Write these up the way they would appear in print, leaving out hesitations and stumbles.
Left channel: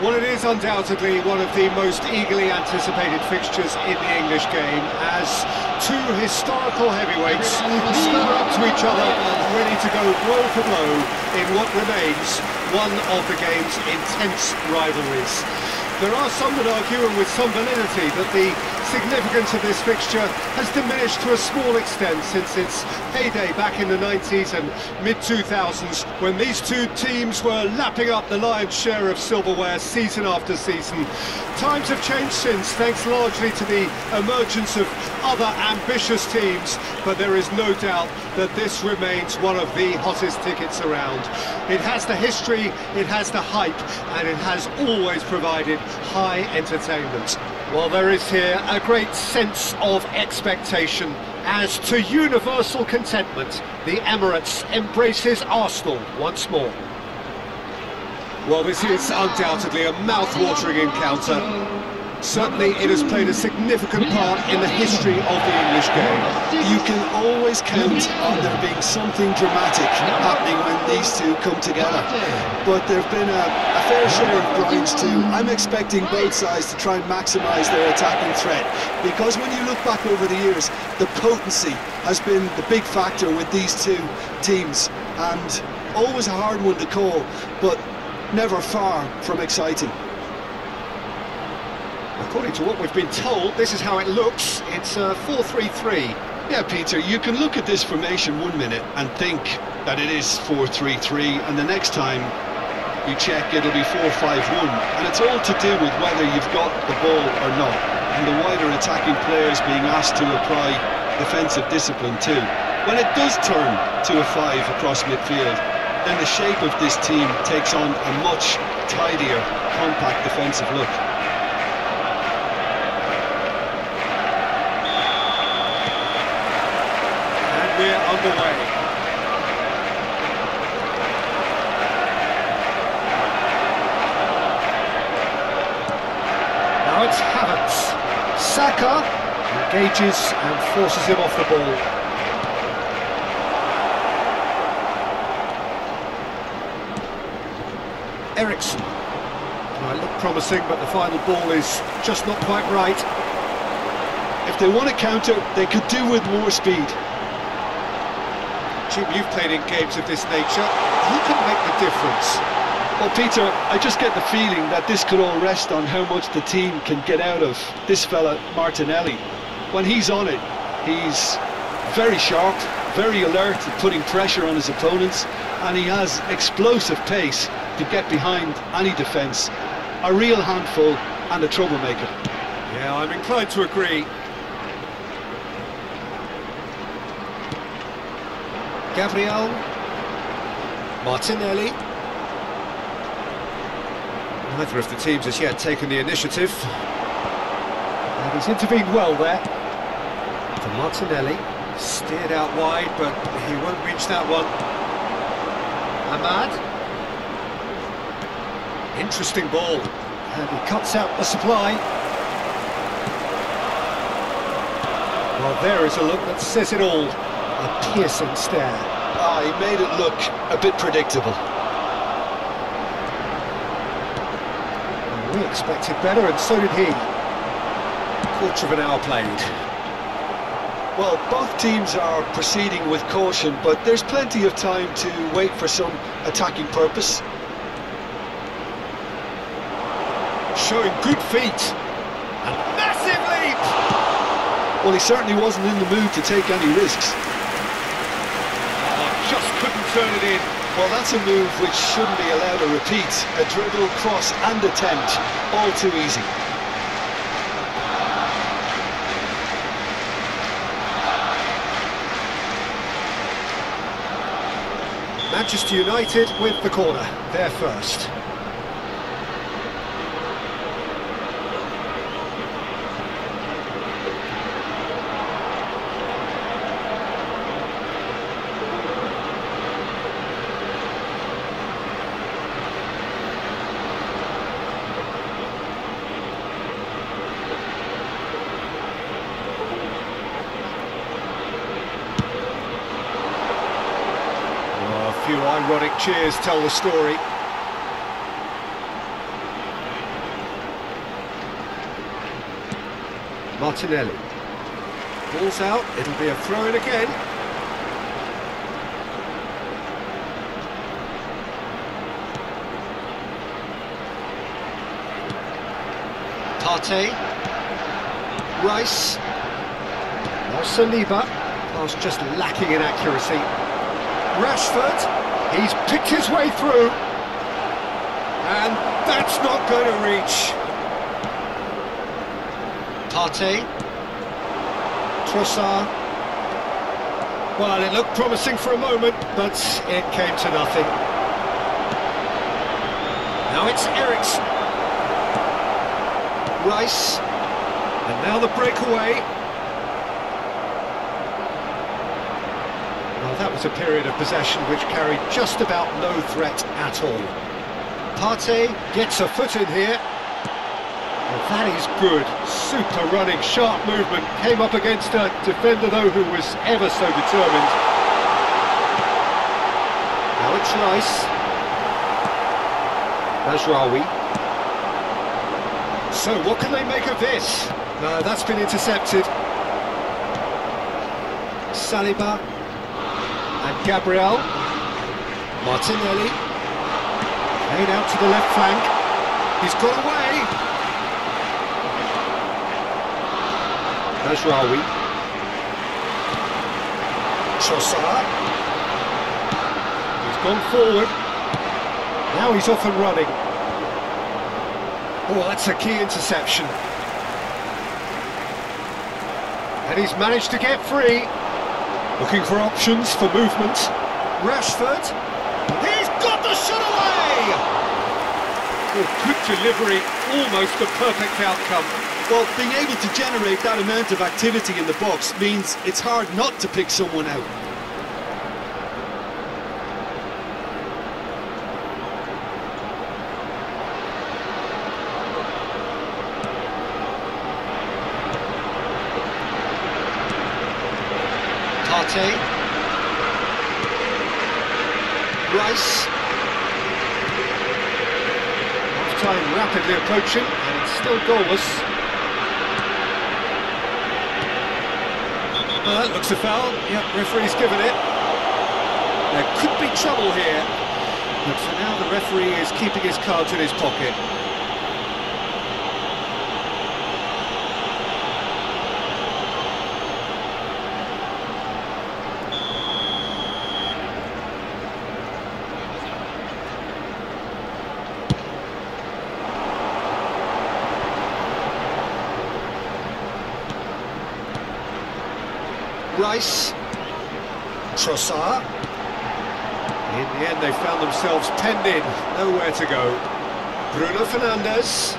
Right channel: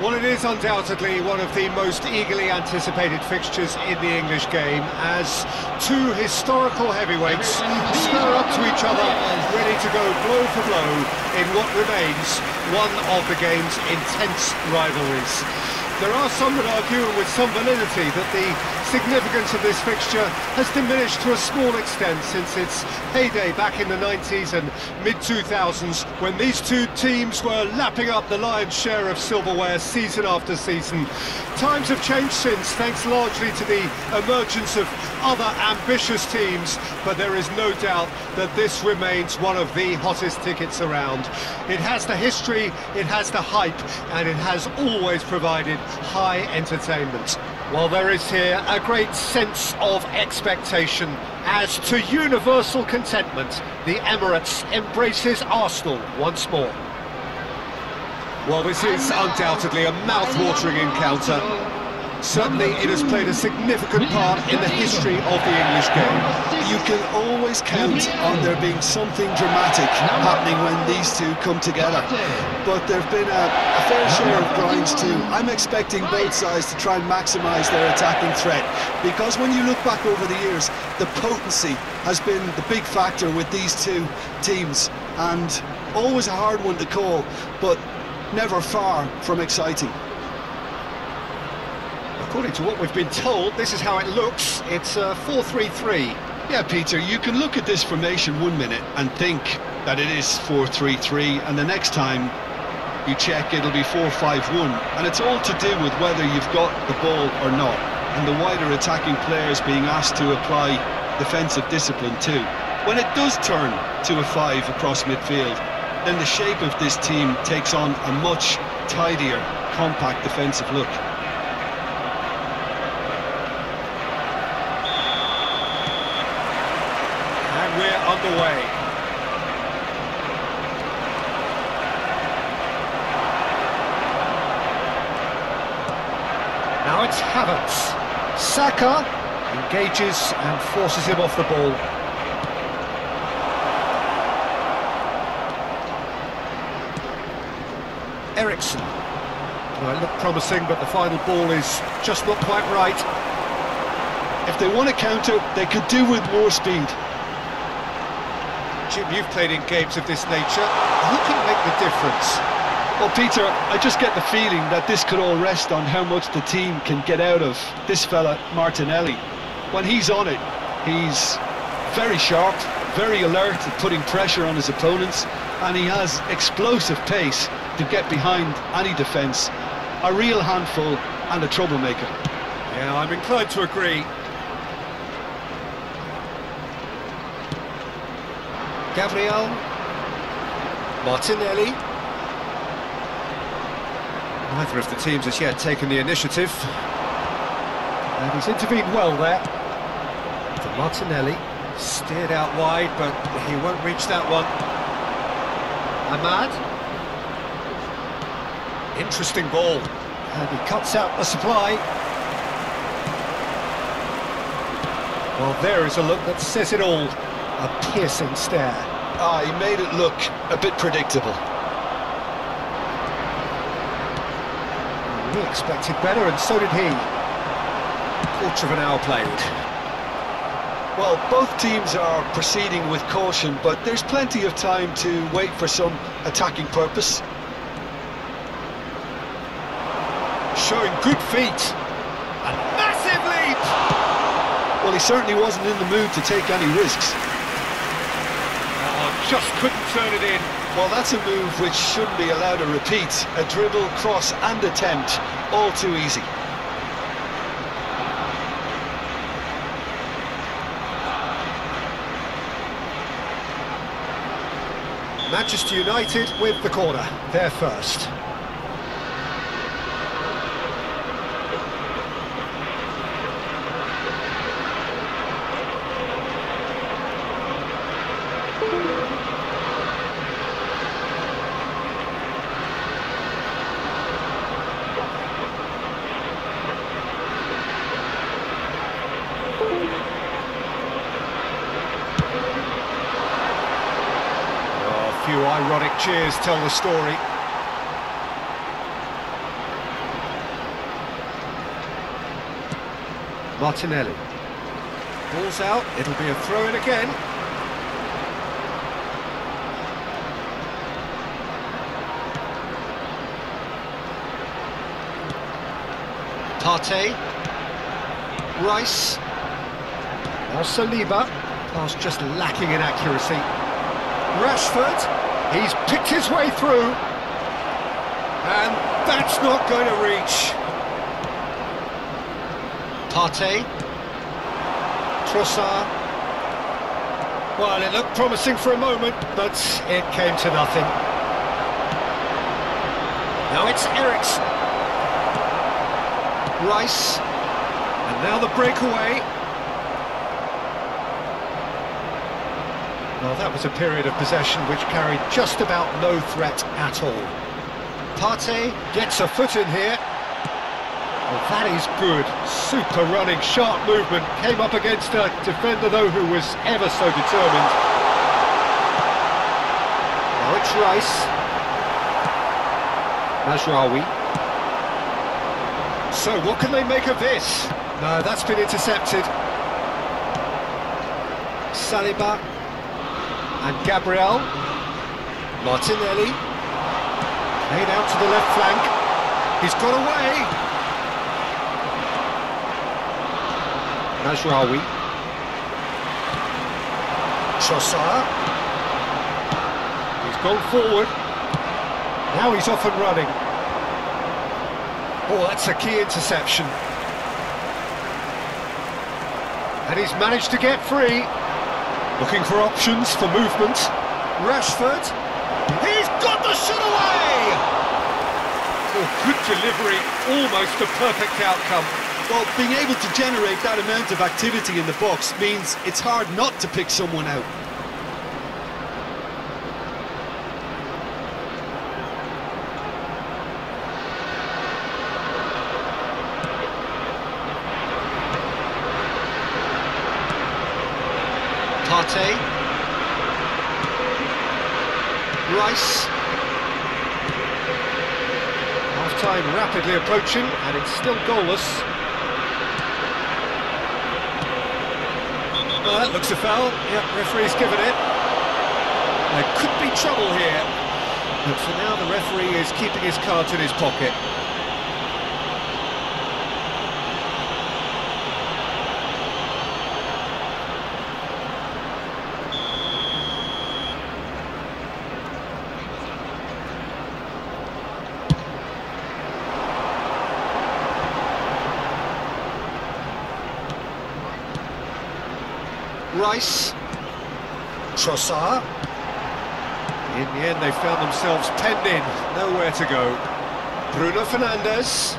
Well, it is undoubtedly one of the most eagerly anticipated fixtures in the English game, as two historical heavyweights spur up to each other, ready to go blow for blow in what remains one of the game's intense rivalries. There are some that argue, and with some validity, that the significance of this fixture has diminished to a small extent since its heyday back in the 90s and mid-2000s, when these two teams were lapping up the lion's share of silverware season after season. Times have changed since, thanks largely to the emergence of other ambitious teams, but there is no doubt that this remains one of the hottest tickets around. It has the history, it has the hype, and it has always provided high entertainment. Well, there is here a great sense of expectation, as to universal contentment, the Emirates embraces Arsenal once more. Well, this is undoubtedly a mouth-watering encounter. Certainly it has played a significant part in the history of the English game. You can always count on there being something dramatic happening when these two come together. But there have been a fair share of grinds too. I'm expecting both sides to try and maximise their attacking threat, because when you look back over the years, the potency has been the big factor with these two teams, and always a hard one to call, but never far from exciting. According to what we've been told, this is how it looks. It's a 4-3-3. Yeah, Peter, you can look at this formation 1 minute and think that it is 4-3-3, and the next time you check, it'll be 4-5-1, and it's all to do with whether you've got the ball or not, and the wider attacking players being asked to apply defensive discipline too. When it does turn to a 5 across midfield, then the shape of this team takes on a much tidier, compact defensive look. And we're underway. Now it's Havertz. Saka engages and forces him off the ball. Eriksen. Well, it looked promising, but the final ball is just not quite right. If they want to counter, they could do with more speed. Jim, you've played in games of this nature. Who can make the difference? Well, Peter, I just get the feeling that this could all rest on how much the team can get out of this fella, Martinelli. When he's on it, he's very sharp, very alert at putting pressure on his opponents, and he has explosive pace to get behind any defence. A real handful and a troublemaker. Yeah, I'm inclined to agree. Gabriel. Martinelli. Neither of the teams has yet taken the initiative. And he's intervened well there. For Martinelli. Steered out wide, but he won't reach that one. Ahmad. Interesting ball. And he cuts out the supply. Well, there is a look that says it all. A piercing stare. Ah, he made it look a bit predictable. We expected better, and so did he. Quarter of an hour played. Well, both teams are proceeding with caution, but there's plenty of time to wait for some attacking purpose. Showing good feet. A massive leap! Well, he certainly wasn't in the mood to take any risks. Oh, just couldn't turn it in. Well, that's a move which shouldn't be allowed to repeat. A dribble, cross and attempt, all too easy. Manchester United with the corner, they're first. A few ironic cheers tell the story. Martinelli. Ball's out, it'll be a throw-in again. Partey. Rice. Now Saliba. Pass just lacking in accuracy. Rashford. He's picked his way through. And that's not going to reach. Partey. Trossard. Well, it looked promising for a moment, but it came to nothing. Now it's Eriksen. Rice. And now the breakaway. Well, that was a period of possession which carried just about no threat at all. Partey gets a foot in here. Well, that is good. Super running, sharp movement. Came up against a defender, though, who was ever so determined. Now it's Rice. Mazraoui. So, what can they make of this? No, that's been intercepted. Saliba. And Gabriel. Martinelli. Played out to the left flank. He's got away. Mazraoui. Trossard. He's gone forward. Now he's off and running. Oh, that's a key interception. And he's managed to get free. Looking for options for movement. Rashford. He's got the shot away! Oh, good delivery. Almost the perfect outcome. Well, being able to generate that amount of activity in the box means it's hard not to pick someone out. Partey. Rice. Half-time rapidly approaching, and it's still goalless. Looks a foul. Yep, referee's given it. There could be trouble here, but for now the referee is keeping his cards in his pocket. Rice. Trossard. In the end, they found themselves penned in, nowhere to go. Bruno Fernandes.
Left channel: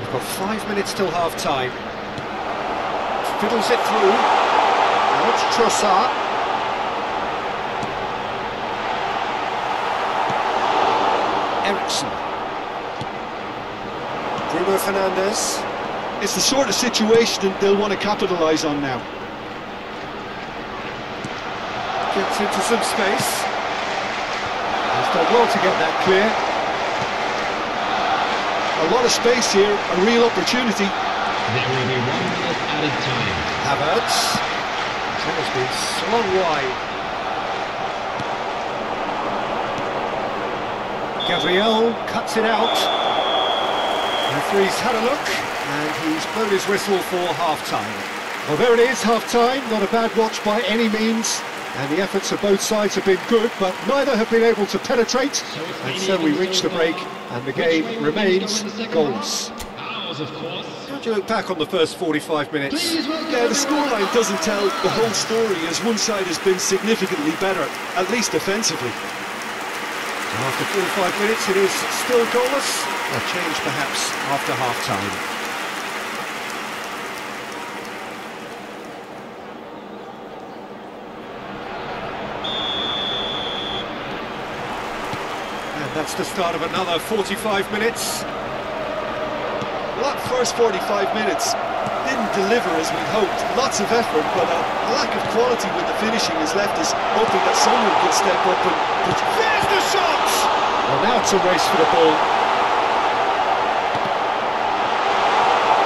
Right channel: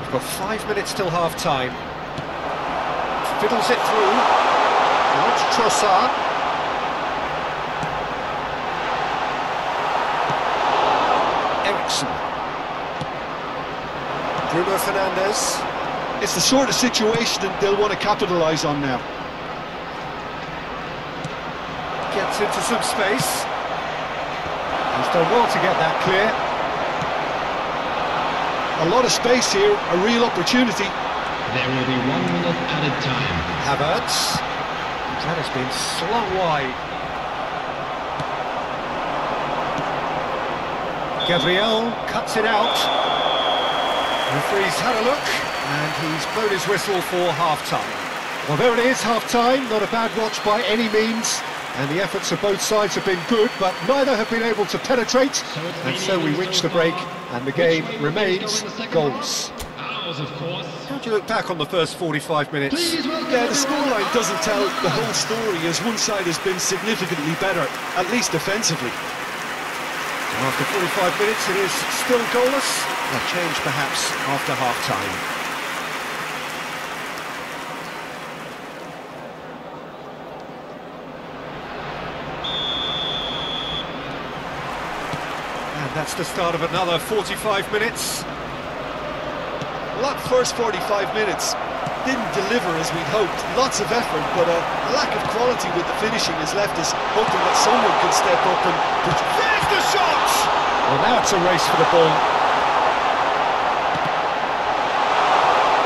We've got 5 minutes till half-time. Fiddles it through. Now it's Trossard. Eriksen. Bruno Fernandes. It's the sort of situation that they'll want to capitalise on now. Gets into some space. He's done well to get that clear. A lot of space here, a real opportunity. There will be 1 minute added time. Havertz. That has been slung wide. Gabriel cuts it out. Referee's had a look, and he's blown his whistle for half-time. Well, there it is, half-time. Not a bad watch by any means. And the efforts of both sides have been good, but neither have been able to penetrate. And so we reach the break, and the game remains goals. How do you look back on the first 45 minutes? Yeah, the scoreline doesn't tell the whole story, as one side has been significantly better, at least defensively. After 45 minutes, it is still goalless. A change perhaps after half-time. That's the start of another 45 minutes. Well, that first 45 minutes didn't deliver as we'd hoped. Lots of effort, but a lack of quality with the finishing has left us hoping that someone can step up and... There's the shot! Well, now it's a race for the ball.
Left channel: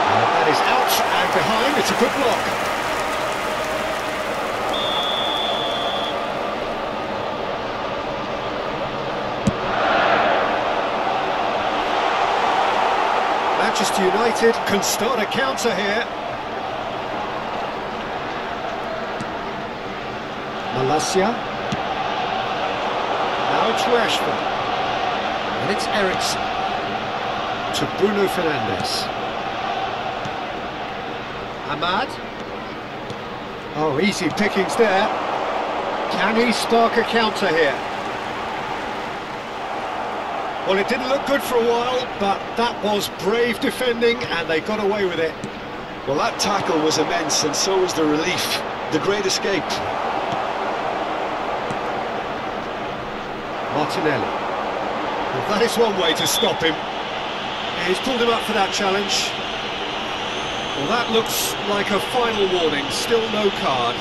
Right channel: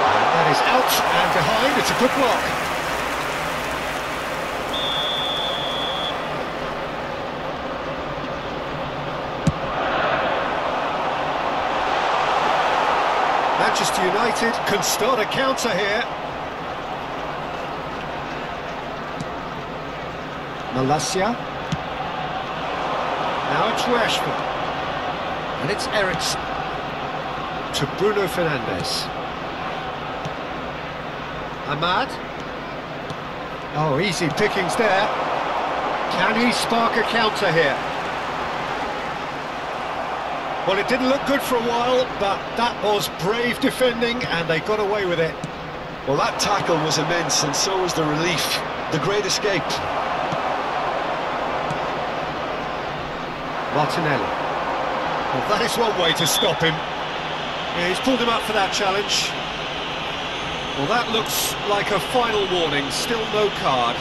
And that That is out and behind, it's a good block. Manchester United can start a counter here. Malacia. Now it's Rashford. And it's Eriksen. To Bruno Fernandes. Ahmad. Oh, easy pickings there. Can he spark a counter here? Well, it didn't look good for a while, but that was brave defending, and they got away with it. Well, that tackle was immense, and so was the relief. The great escape. Martinelli. Well, that is one way to stop him. Yeah, he's pulled him up for that challenge. Well, that looks like a final warning. Still no card.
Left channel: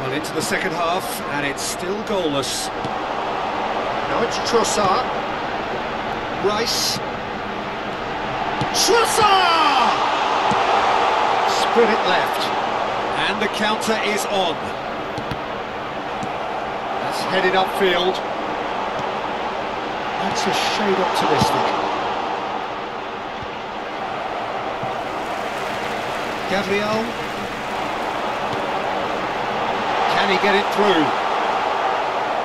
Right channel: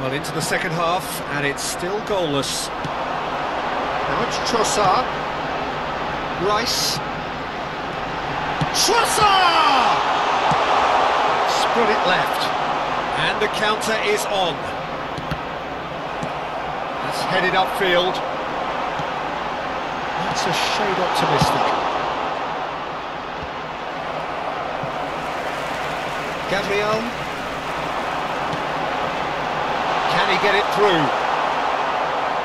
Well, into the second half, and it's still goalless. Now it's Trossard. Rice. Trossard! Spread it left. And the counter is on. That's headed upfield. That's a shade optimistic. Gabriel. Can he get it through?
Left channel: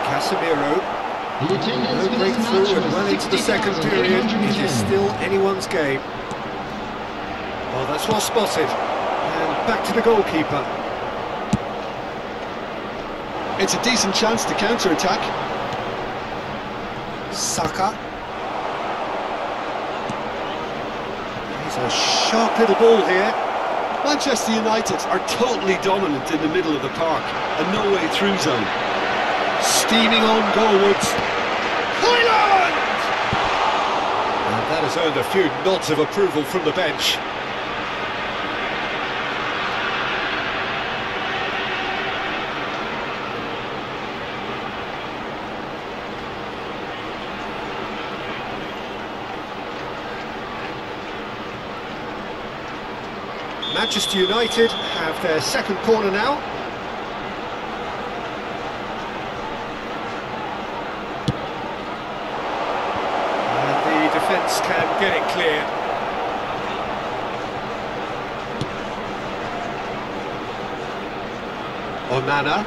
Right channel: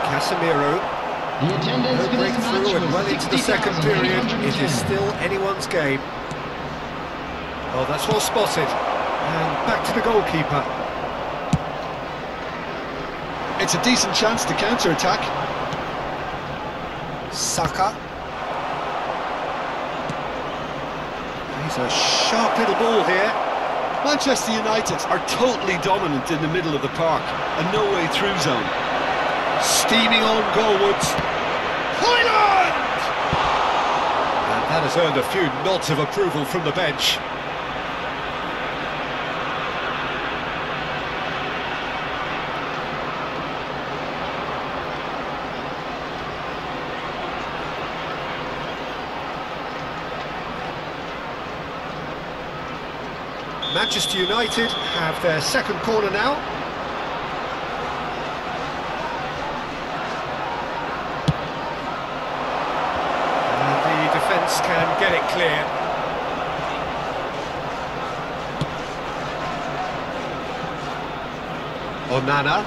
Casemiro. The attendance No for this match breakthrough and was well into the second period. It is still anyone's game. Oh, that's well spotted. And back to the goalkeeper. It's a decent chance to counter-attack. Saka. He's a sharp little ball here. Manchester United are totally dominant in the middle of the park. A no-way through zone. Steaming on goalwards. Hoyland! And that has earned a few nods of approval from the bench. Manchester United have their second corner now. And the defence can get it clear. Onana.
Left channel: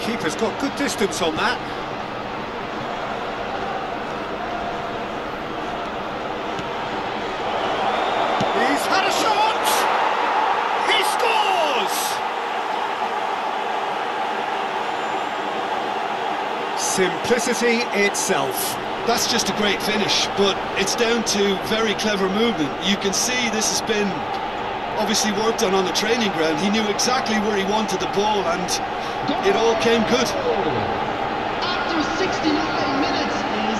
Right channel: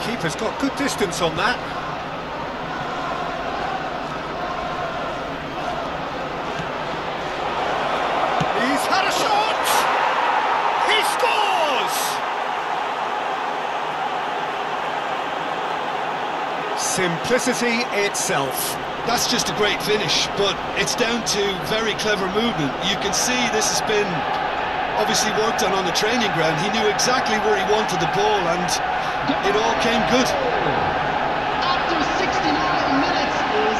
Keeper's got good distance on that. He's had a shot! He scores! Simplicity itself. That's just a great finish, but it's down to very clever movement. You can see this has been obviously worked on the training ground. He knew exactly where he wanted the ball, and it all came good. After 69 minutes is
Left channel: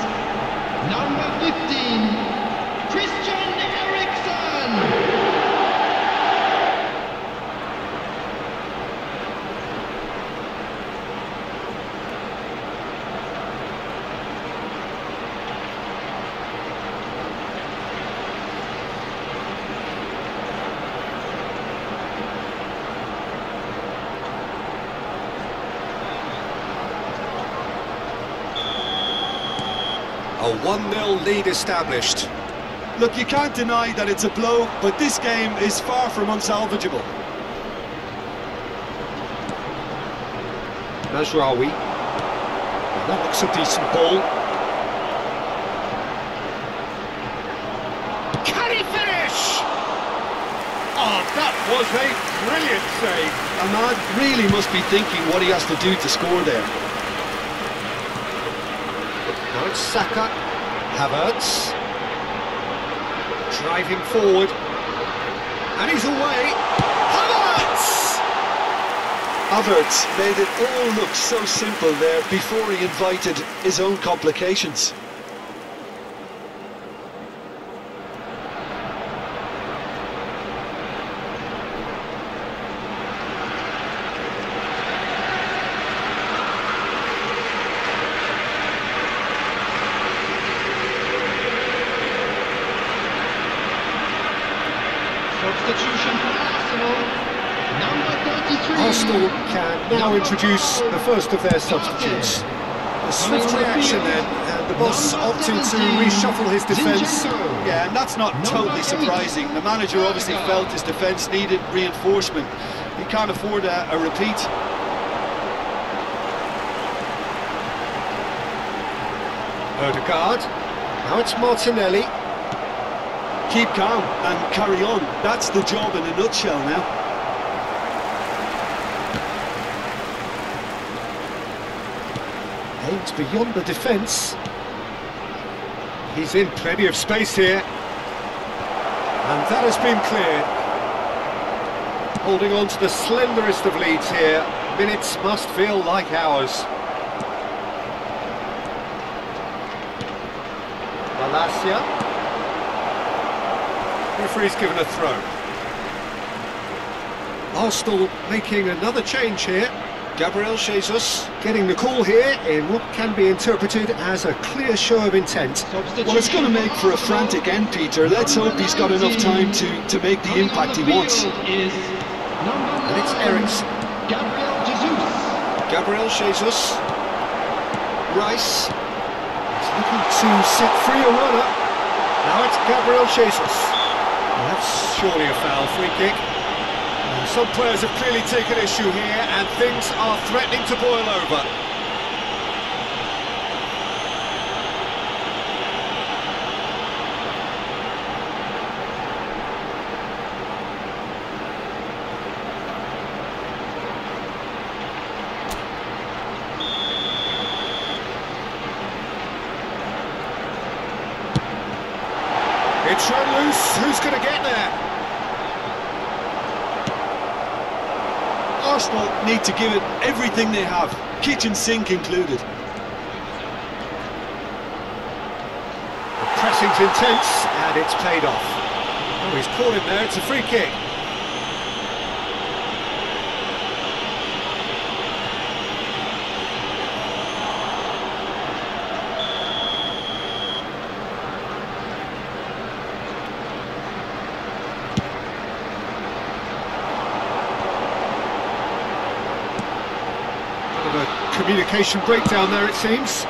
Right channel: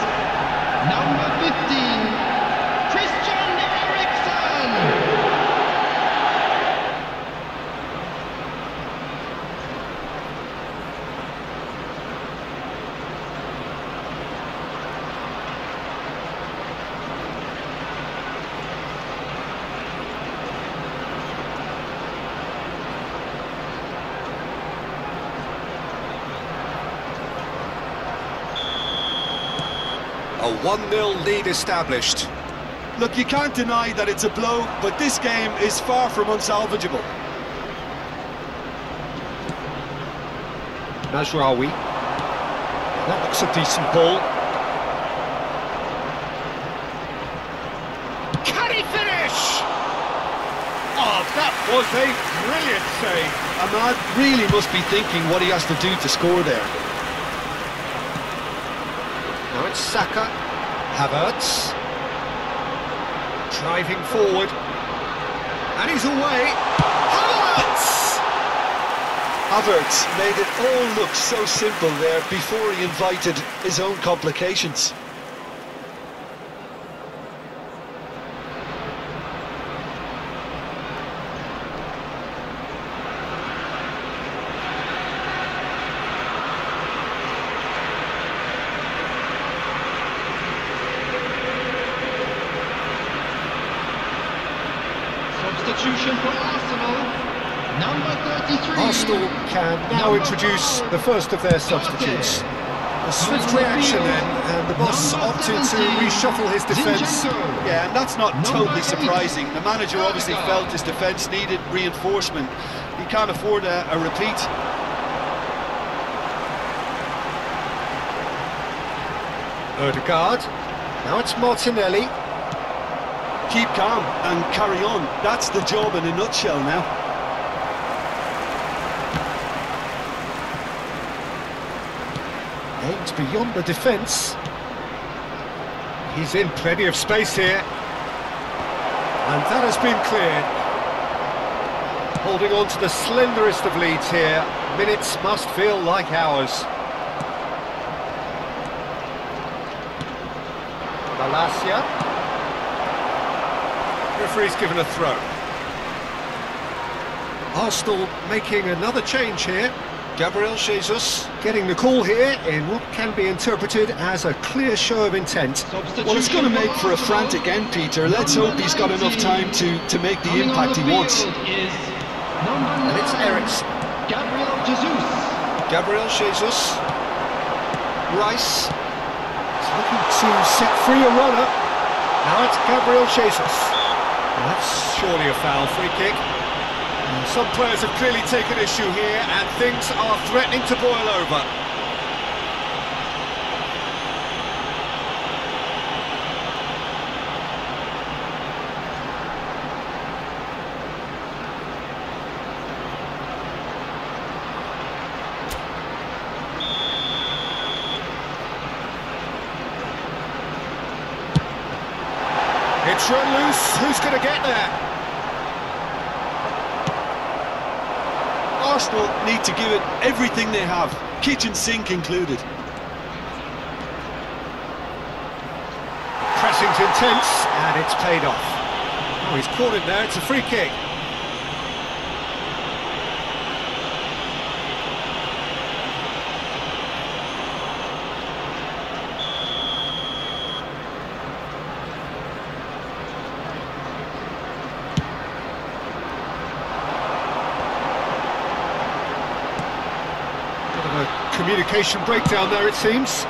number 15, Christian Eriksen. A 1-0 lead established. Look, you can't deny that it's a blow, but this game is far from unsalvageable. Mazraoui. That looks a decent ball. Can he finish? Oh, that was a brilliant save. Ahmad really must be thinking what he has to do to score there. Now it's Saka. Havertz. Driving forward. And he's away. Havertz! Havertz made it all look so simple there before he invited his own complications. substitution for Arsenal. Number 33. Arsenal can now introduce the first of their substitutes. A swift reaction then, and the boss opting to reshuffle his defence. Yeah, and that's not totally surprising. The manager obviously felt his defence needed reinforcement. He can't afford a repeat. Odegaard. Now it's Martinelli. Keep calm and carry on. That's the job in a nutshell now. Aimed beyond the defence. He's in plenty of space here. And that has been cleared. Holding on to the slenderest of leads here. Minutes must feel like hours. Malacia. Referee's given a throw. Arsenal making another change here. Gabriel Jesus getting the call here in what can be interpreted as a clear show of intent. Well, it's going to make for a frantic end, Peter. Let's hope he's got enough time to make the impact he wants. And it's Eriksen. Gabriel Jesus. Gabriel Jesus. Rice. He's looking to set free a runner. Now it's Gabriel Jesus. Well, that's surely a foul, free kick. Some players have clearly taken issue here, and things are threatening to boil over. It's run loose. Who's going to get there? Arsenal need to give it everything they have, kitchen sink included. The pressing's intense, and it's paid off. Oh, he's caught it there, it's a free kick. Communication breakdown there, it seems.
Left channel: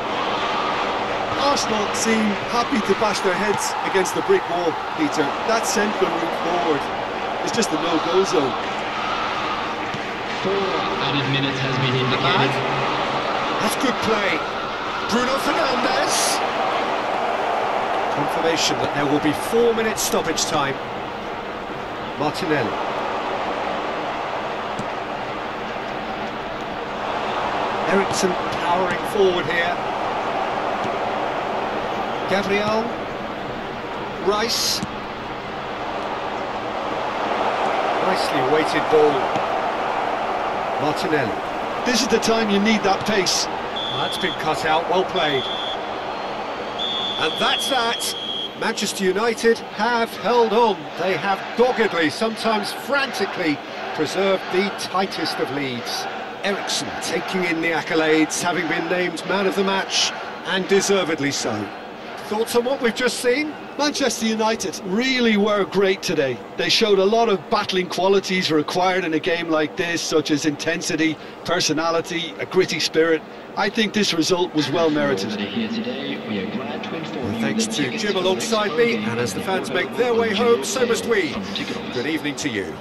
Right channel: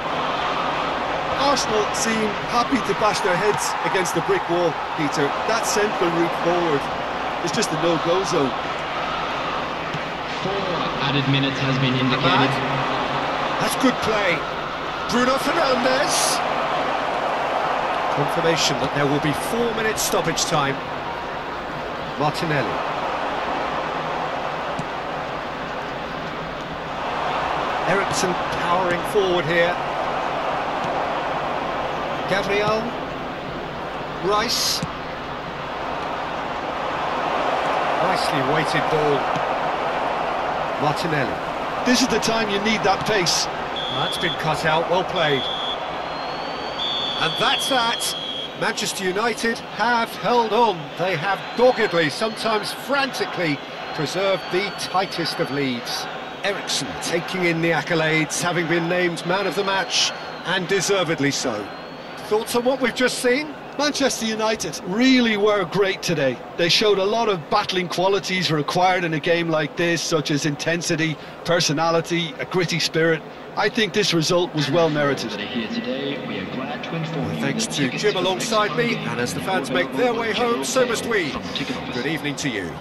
Arsenal seem happy to bash their heads against the brick wall, Peter. That central route forward is just a no-go zone. 4 added minutes has been indicated. Ahmad. That's good play. Bruno Fernandes. Confirmation that there will be 4 minutes stoppage time. Martinelli. Eriksen powering forward here. Gabriel. Rice. Nicely weighted ball. Martinelli. This is the time you need that pace. That's been cut out, well played. And that's that. Manchester United have held on. They have doggedly, sometimes frantically, preserved the tightest of leads. Eriksen taking in the accolades, having been named man of the match, and deservedly so. Thoughts on what we've just seen? Manchester United really were great today. They showed a lot of battling qualities required in a game like this, such as intensity, personality, a gritty spirit. I think this result was well merited. Thanks to Jim alongside me, and as the fans make their way home, so must we. Good evening to you.